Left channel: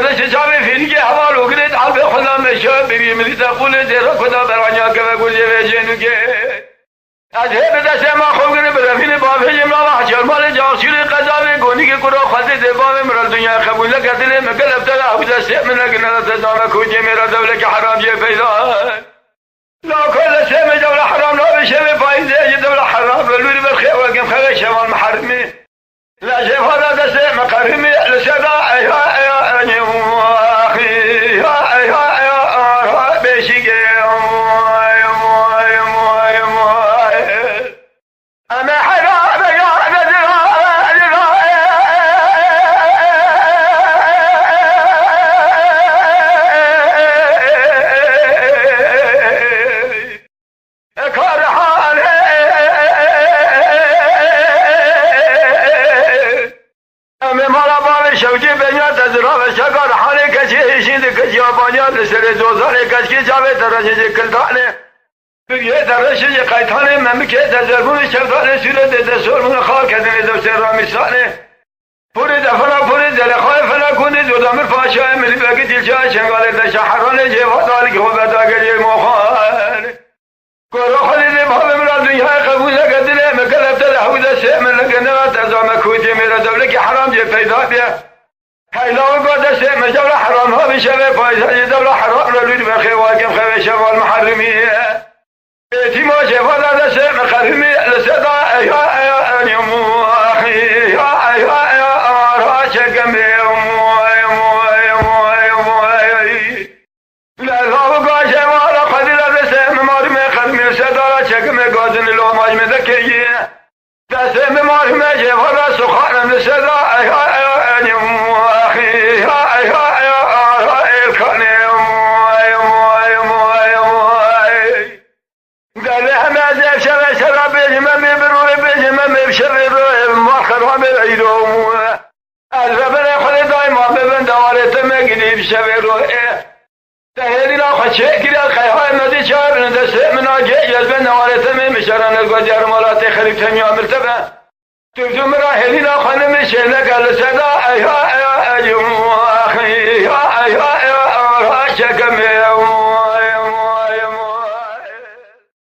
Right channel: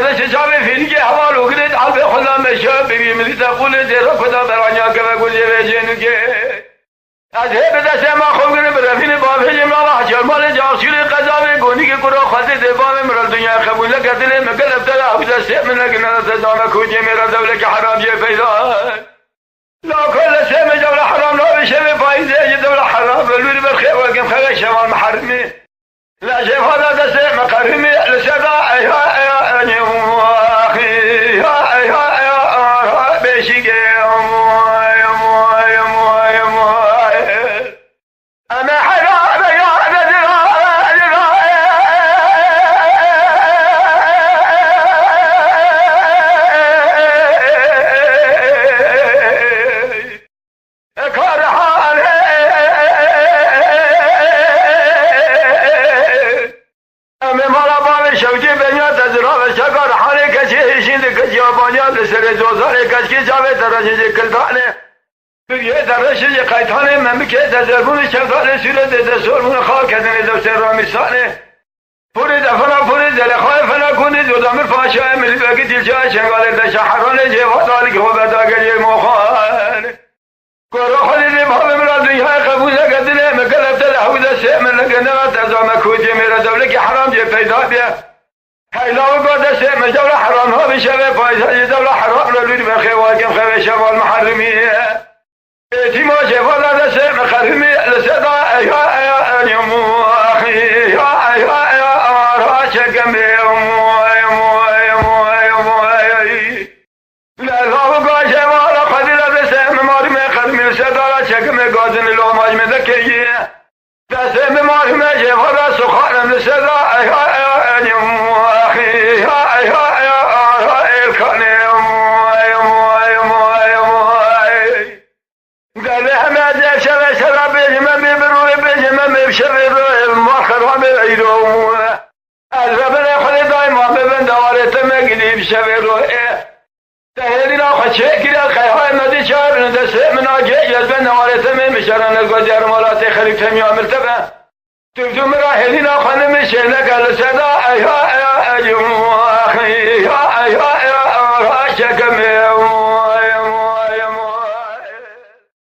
گردش جامع فیلی که هوا رو گرید عبد خدا نشه بگیمری تقول زیرا خدا برانیا که بگوزیره جنگه از هر دست ما خوب گرید برفین بابه ما حجرمان جاسیر قضاوی گونی که کرا خواهد دبام مرال دنیا قبول نکردلی مکل ابتدا حوزه سیم نگنه تدانا کوچه میرا دوله که حرام جه پیدا لا كل سيم دولة حرام لا بشبه فايدة دولة حرام لولي بخير وقم خير الشمال محرمي لا شيء هذا سيم مقرمي لسبع يا أخي يا بيشي أنا حرام يا شکر حالی کسی ایشید کسی آبانیان لسر دوزار کسی جاوه درشید کلدانه یه درشید قیدانه ممی که تزرگون شفتانه سیره دستور من خواه کردن دوستر رامیستانه پوری دفنا پوری دلخواه فنا کنی زودامه فاشای ملی بگی دیلچه شنگال بشحرانه جیوات آلی که خوبت آگری موخان کرو خودی دی باب مراد دنیای قبول کردنه مکلفت لحوزه سیمن لگنه تزامه کوچه میره دوله که حرام جه پیدا بیه حیلا و گوده سیم جوله حرام ها بشبه پایشای دوله حرام رو لولی بخی واقم خواه شمال محرمیه ایتیما شفا داده سیم خرمی لسدا ایا نیمو اخی یا آرها شکم لذا و گوه شما را خدی داده سیم مارم خرمی لسدا را شکم گازن لوماج مدکیه دسته مارم شفا دا سخانم لسدا ایا نیمو تهيلي لا خشيك لا خيها النادي شاب من دسه من اجي يزبن نوارته من مشرن الجدار مالات خليك ثانيه مرتبه تجوم راهلي لا خنم شنك السدا يا اليوم اخي يا شكم